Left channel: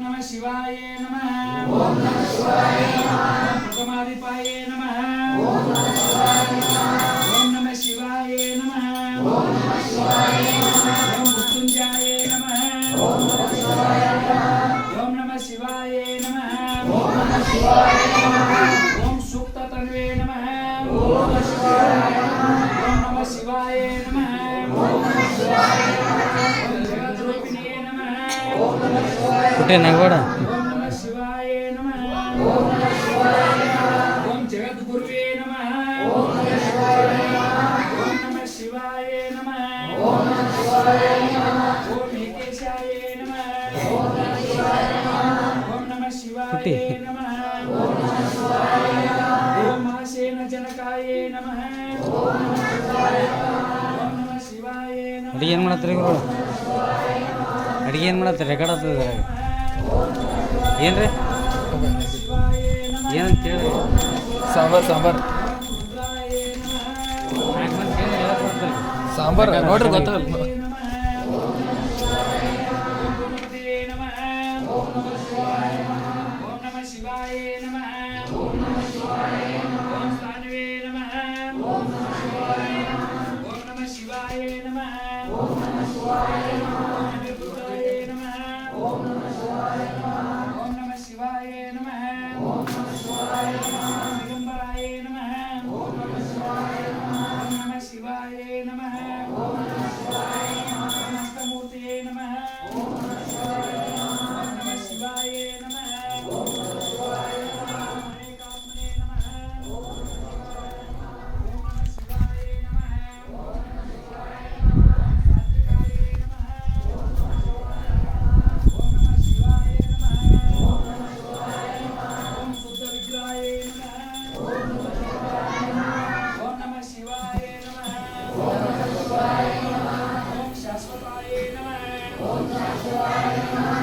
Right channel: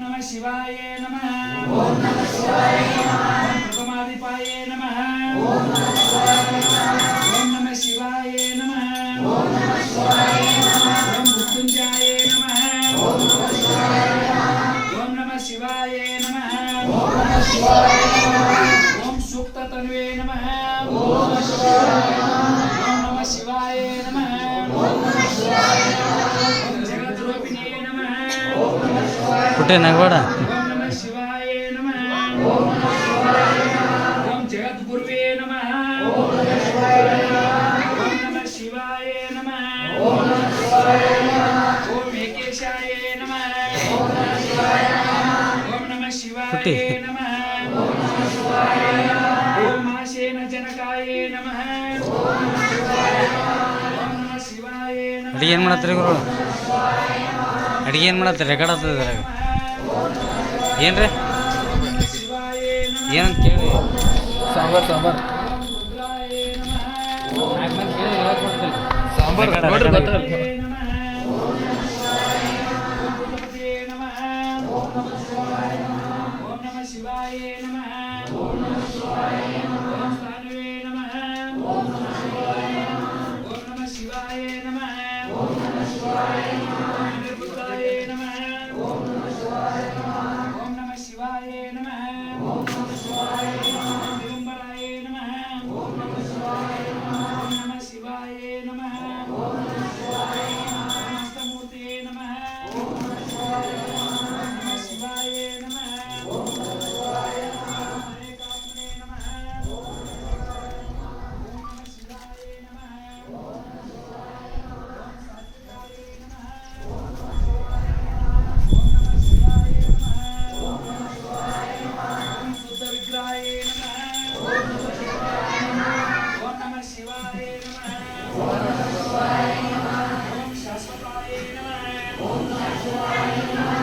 नमः शिवाय नमः ओम नमः शिवाय नमः प्रथमादिपाय नमः ओम नमः शिवाय नमः ओम नमः शिवाय नमः ओम मृत्युंजयाय नमः ओम नमः शिवाय नमः ओम नमः शिवाय नमः ओम नमः शिवाय नमः ओम सूक्त तन्वे नमः ओम नमः शिवाय नमः ओम नमः शिवाय नमः ओम नमः शिवाय नमः ओम जगद्रूपिणे नमः ओम नमः शिवाय कुठे नागवाडा ओम नमः शिवाय नमः ओम नमः शिवाय नमः ओम जगद्गुरुवे नमः ओम नमः शिवाय नमः ओम नमः शिवाय नमः ओम नमः शिवाय नमः ओम एकेशाय नमः ओम नमः शिवाय नमः ओम नमः शिवाय नमः ओम नमः शिवाय नमः ओम माशेन जनकाय नमः ओम नमः शिवाय नमः ओम नमः शिवाय नमः ಅಡಿಗೆ ಏನು ಮಾಡತ್ತೀರಿ ಗುರು ಅಡಿಗೆ ಏನು ಮಾಡತ್ತೀರಿ ರೆಕಾರ್ಡ್ ಆಗ್ತದೆ ಇದ್ರಾಗ ಏನು ರೀ ಏನು ಕೇಳಿ ಸಾಂಬಾರ್ ಸಾಂಬಾರ್ ನಾಲ್ಕು ಮಂದಿ ಕೇಳಿ ಹೇಳ್ಕೊಡ್ತಿಲ್ಲ ಸಾಂಬಾರ್ ನೋಡ್ರಿ ಗೊತ್ತಲ್ಲ ओम नमः शिवाय नमः ओम नमः शिवाय नमः ओम स्थानवे नमः ओम नमः शिवाय नमः ओम नमः शिवाय नमः ओम नमः शिवाय नमः ओम निर्भुताय नमः ओम नमः शिवाय नमः ओम नमः शिवाय नमः ओम नमः शिवाय नमः दिगंबराय नमः ओम नमः शिवाय नमः ओम नमः शिवाय नमः ओम नमः शिवाय नमः नमस्तमूर्तये नमः ओम नमः शिवाय नमः ओम नमः शिवाय नमः ओम नमः शिवाय नमः हरेकात्मने नमः ओम नमः शिवाय नमः ओम नमः शिवाय नमः ओम नमः शिवाय नमः ओम सात्विकाय नमः ओम नमः शिवाय नमः ओम नमः शिवाय नमः ओम नमः शिवाय नमः ओम शुद्ध विग्रहाय नमः ओम नमः शिवाय नमः ओम नमः शिवाय नमः ओम नमः शिवाय नमः ओम शाश्वताय नमः ओम नमः शिवाय नमः